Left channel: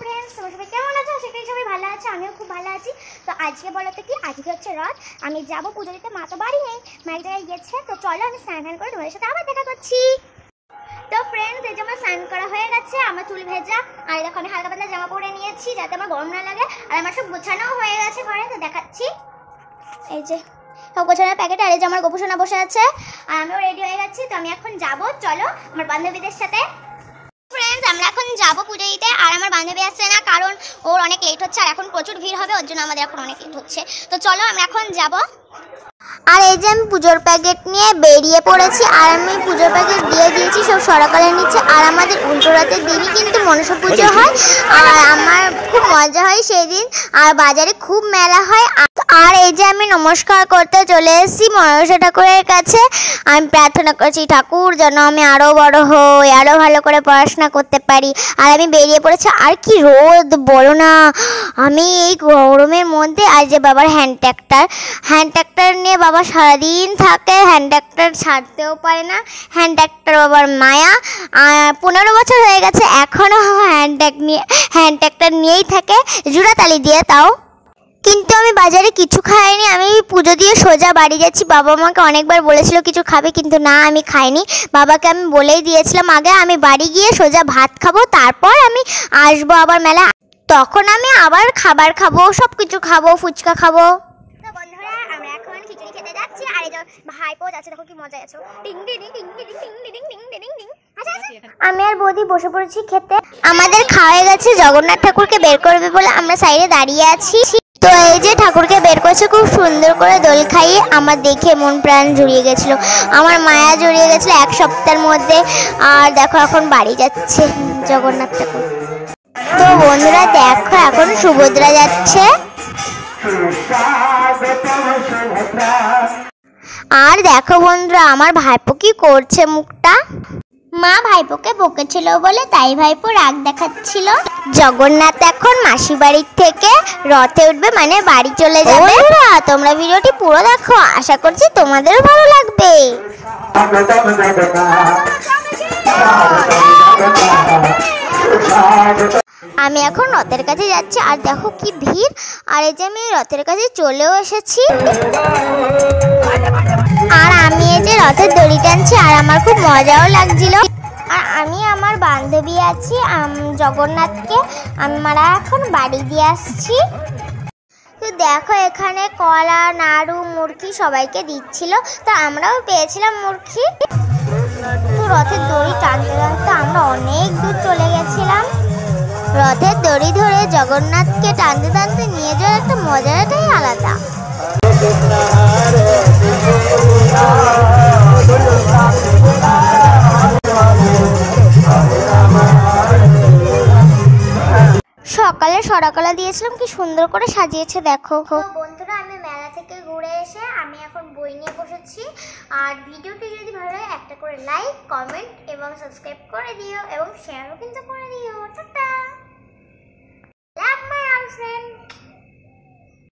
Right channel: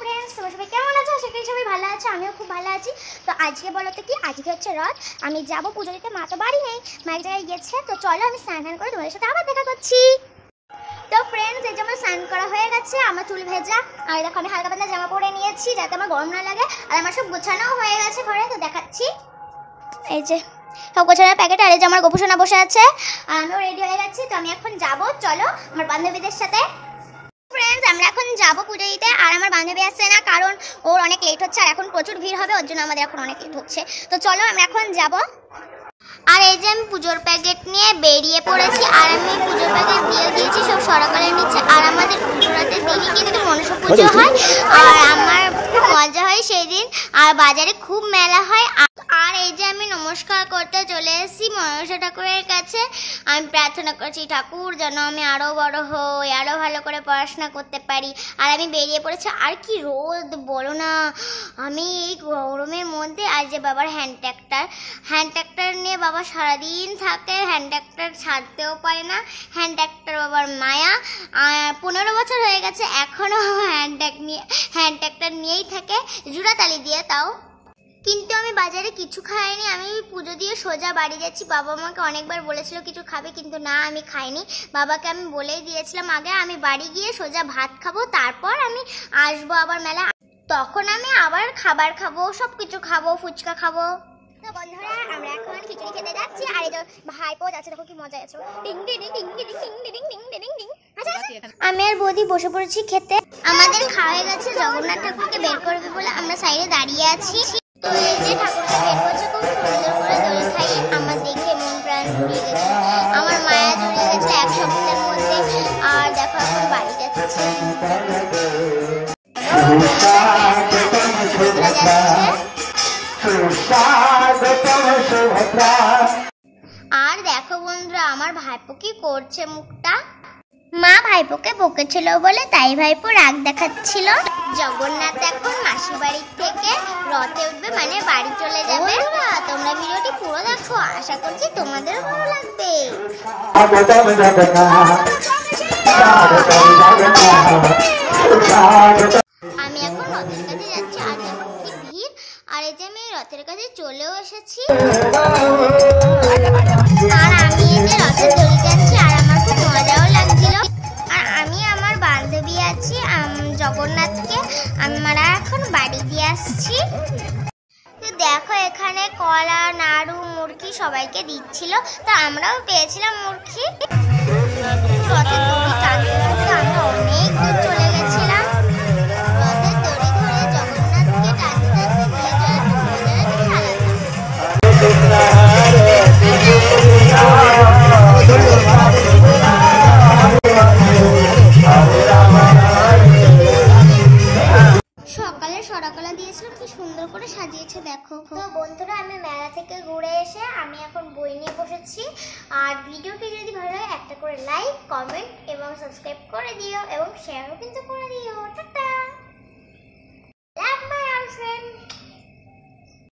Friends, তোমরা সবাই কেমন আছো? আশা করি সবাই ভালো আছো, আমিও খুব ভালো আছি। তো আজকে বলো তো কি, আজকে হচ্ছে রথ। আমি যাবো পুজো দিতে, মা তো বাড়ি নেই, মা এক জায়গায় গেছে। তো চলো আমি স্নান করে তোমাদের সাথে আবার দেখা করছি। তো ফ্রেন্ডস, এই যে আমার স্নান করা হয়ে গেছে, আমার চুল ভেজা, আর দেখো আমি হালকা পাতলা জামা পরে নিয়েছি যাতে আমার গরম না লাগে। আর আমার সব গোছানোও হয়ে গেছে ঘরে, তো দেখাচ্ছি। এই যে সব গোছানোর প্যাকেট, আর এই যে আমার গোপুসোনা বসে আছে, আর আমিও রেডি হয়ে গেছি। তো আমি এখন যাবো, চলো আমার বান্ধবীদের সাথে। ফ্রেন্ডস, আমরা এখন যাবো পুজো দিতে, আর আমার বান্ধবী আসছে না কারণ ওর অনেক লেট হচ্ছে, আর এখন প্রচুর ভিড় হবে, ওর জন্য আমাদের এখন অনেক লেট হচ্ছে। তো চলো আমরা এখন যাবো। আর এই যে আমি পুজোর প্যাকেট নিয়ে বেরিয়ে পড়েছি, আর আমি পুজোর প্যাকেট দিয়ে দিয়েছি সব সরাকালের নিচে। আর আমাদের উল্টো রাতের দিনই কিন্তু মনসা পুজো হয়, আর আমার খুব মজা হয় সেই দিন, আর বাজারে খুব মেলা হয়। আর এই যে আমি নমস্কার করতে চলে এসেছি মনসা ঠাকুরের কাছে। আমি প্রার্থনা করছি ঠাকুর যেন আমি আরও বড় হই, আরও ভালো করে পড়াশোনা করতে পারি। আর আমি বেরিয়ে পড়েছি, আর কি রোদ বলো না, আমি এই গরমের মধ্যে। আর যে বাবার হ্যান্ড ট্র্যাক্টর নিয়ে বাবা সারাদিন থাকে, হ্যান্ড ট্র্যাক্টর ছাড়তেও পারে না। হ্যান্ড ট্র্যাক্টর বাবার মায়া, 15 বছর হয়ে গেছে এখনও হ্যান্ড ট্র্যাক্টর নিয়েই থাকে, জোড়াতালি দিয়ে তাও। কিন্তু আমি বাজারে কিছু খাইনি, আমি পুজো দিয়ে সোজা বাড়ি যাচ্ছি। বাবা আমাকে অনেকবার বলেছিল কিছু খাবে, কিন্তু না, আমি খাইনি। বাবাকে আমি বলেই দিয়েছিলাম আগে আমি বাড়ি গিয়ে সোজা ভাত খাবো, তারপর আমি আসবো আবার মেলা, তখন আমি আবার খাবার খাবো, সব কিছু খাবো, ফুচকা খাবো। তো বন্ধুরা, আমরা এখন খিচুড়ি খেতে যাচ্ছি, আর এই যে ভাইপো যাচ্ছে, দেখো কি মজা আছে। Ding ding ding ding ding ding ding ding ding ding. আমি আর বৌদি বসে পড়েছি খেতে। আমাদের খাওয়া হয়ে গেছে, জগন্নাথ ঠাকুরকে বের করবে বলে আমরা সাইডে দাঁড়িয়ে আছি। তো এই যে ঠাকুরকে বের করছে খুব সুন্দর করে দোল খাইয়ে, আমার দেখে মন প্রাণ জুড়িয়ে গেছিলো, আমার মায়া জড়িয়ে গেছিলো এক সপ্তাহের মধ্যে। আর দেখো এখন বাড়ি যাচ্ছে জগন্নাথ ঠাকুর। তো বন্ধুরা দেখো, এখন সুভদ্রা যাচ্ছে। আর দেখো বন্ধুরা, আমার ভাইপো কি করছে মুখটা। মা ভাইপোকে বকেছিল বলে তাই ভাইপো রাগ দেখাচ্ছিল। জগন্নাথ এখন মাসি বাড়ির থেকে রথে উঠবে, মানে বাড়ি চলে যাবে। তোমরা ভিডিওটি পুরো দেখো, আশা করছি তোমাদেরও ভালো লাগবে। আমি এখন রথের কাছে যাচ্ছি, আর দেখো কি ভিড়। আর এই যে আমি রথের কাছে চলেও এসেছি, আর আমি এই যে রথের দড়ি টানছি, আর আমার খুব মজাও লাগছিল। আর আমি আমার বান্ধবী আছি, জগন্নাথকে আমরা এখন বাড়ি দিয়ে আসছি। তো দেখো এখানে কলা, নাড়ু, মুরগি সবাইকে দিচ্ছিল, তো আমরাও পেয়েছিলাম মুরগি। রথের দড়ি টানতে টানতে আমরা অনেক দূর চলে গেছিলাম। রথের দড়ি ধরে জগন্নাথকে টানতে টানতে নিয়ে যাওয়ার একটা মজাটাই আলাদা। সকালে সরাকলা দিয়েছিলাম, কি সুন্দর করে সাজিয়েছে দেখো। তো বন্ধুরা, আমি মেলা থেকে ঘুরে এসে আমি এখন বই নিয়ে বসেছি। আর ভিডিওটি যদি ভালো লাগে একটা করে লাইক, কমেন্ট এবং সাবস্ক্রাইব করে দিও, এবং শেয়ারও কিন্তু করে দিও। Tata, love my all friend.